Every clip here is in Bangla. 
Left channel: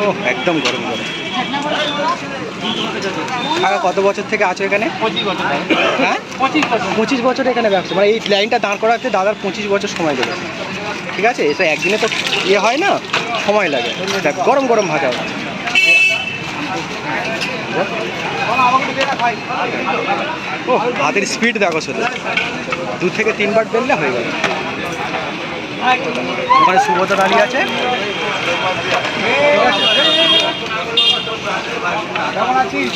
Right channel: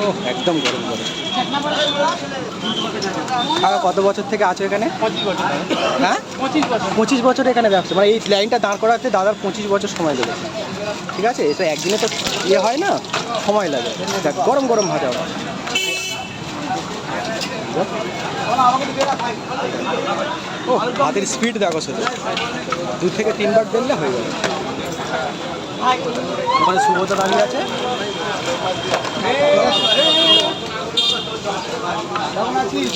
ও একদম গরম গরম। কত বছর থেকে আছো এখানে? হ্যাঁ 25 বছর এখানে ব্যবসা, মানে এই লাইনটা দাঁড় করাতে দাদার 25 বছর সময় লেগেছে। ঠিক আছে, এটা একদিনে তো ইয়ে হয় না, সময় লাগে। দেখ গরম গরম ভাজা হয়। ও হাতের স্পিড দেখো শুধু, 2 থেকে 3 বার বেললে হয়ে গেল। ওখানে সুব্রত দাঁড়িয়ে আছে। ঠিক আছে, কেমন আছিস?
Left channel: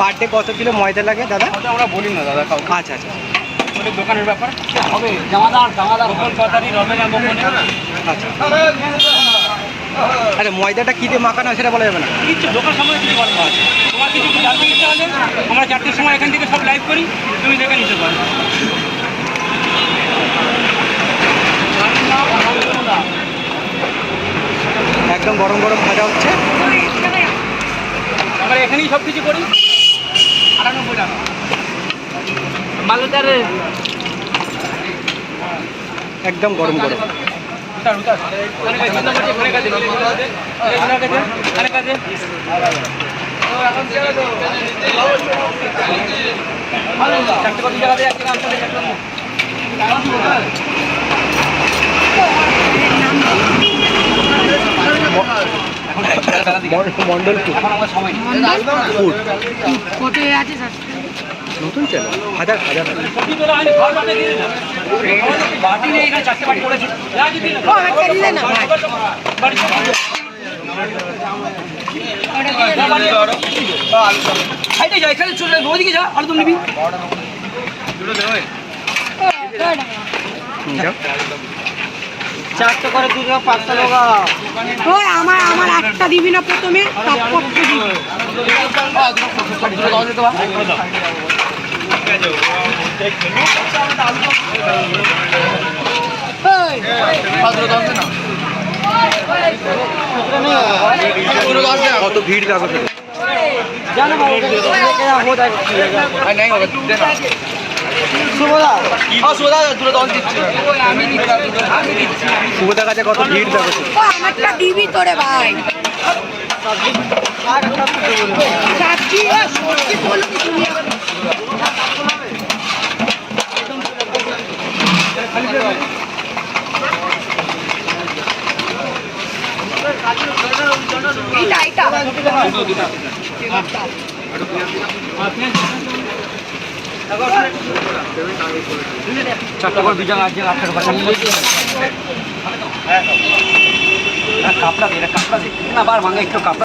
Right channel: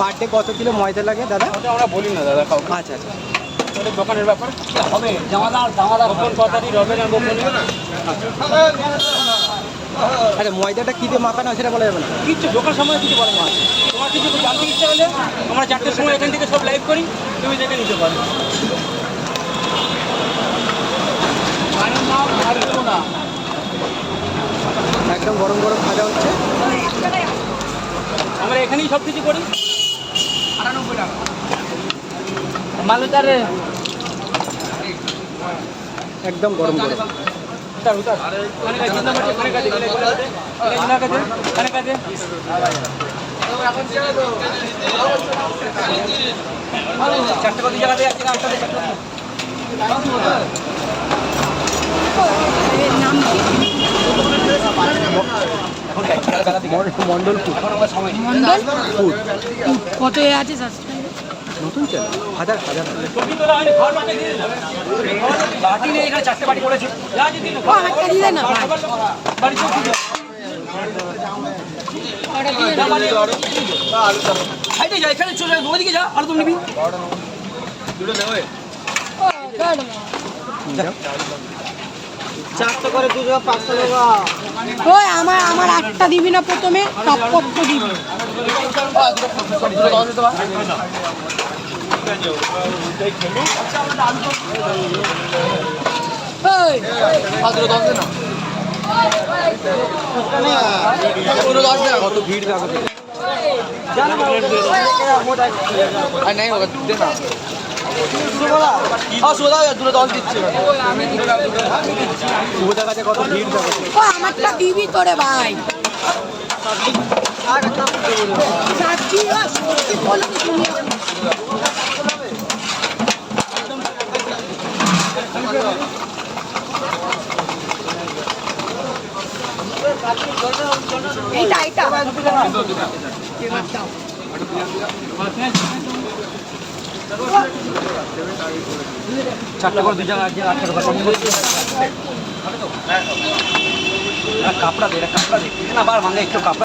পার ডে কত কিলো ময়দা লাগে দাদা? আমরা বলি না দাদা। আচ্ছা আচ্ছা, দোকানের ব্যাপার হবে। জামাদার কথাটি রবে না দোকানে। আচ্ছা আচ্ছা, ময়দাটা কী দিয়ে মাখানো হয় সেটা বলা যাবে না? কিছু দোকান সময় কিছু বলা আছে। তোমার কিছু জানতে ইচ্ছা হলে আমরা 4টের সময় এখান থেকে সব লাইভ করি, তুমি দেখে নিতে পারো। একদম গরম গরম ভাজা হচ্ছে। আমরা এখানেই সব কিছু করি। 98 টাকা মালুদারে একদম গরম গরম। চারটে বাকি জায়গাতে একটা গান করে মন্ডল ফুড কত আছে নতুন চ্যানেল, হাজার হাজার বাটি নেই এখানে, 4টে বাটি পড়েছে। এখানে চলে ওদিকে যা, আর তুমি নিবি। চারটে করে 2 টাকা 5 টাকা। ওই আমার একটা দিবি না প্রথমে, তারপর দিবি। কত ভিড় দেখো শুধু। সুবোধার কাছে কত ভিড় দেখো শুধু। আমারটা দিবি তোরে ভাই। চাচ্ছি সত্যি বলবি তুমি। এটা চট্টগ্রাম বিজান আছে 18 টাকা। কাপড়া দে, কাপড়া দে না, বার ভাঙা একটু কাপড়া।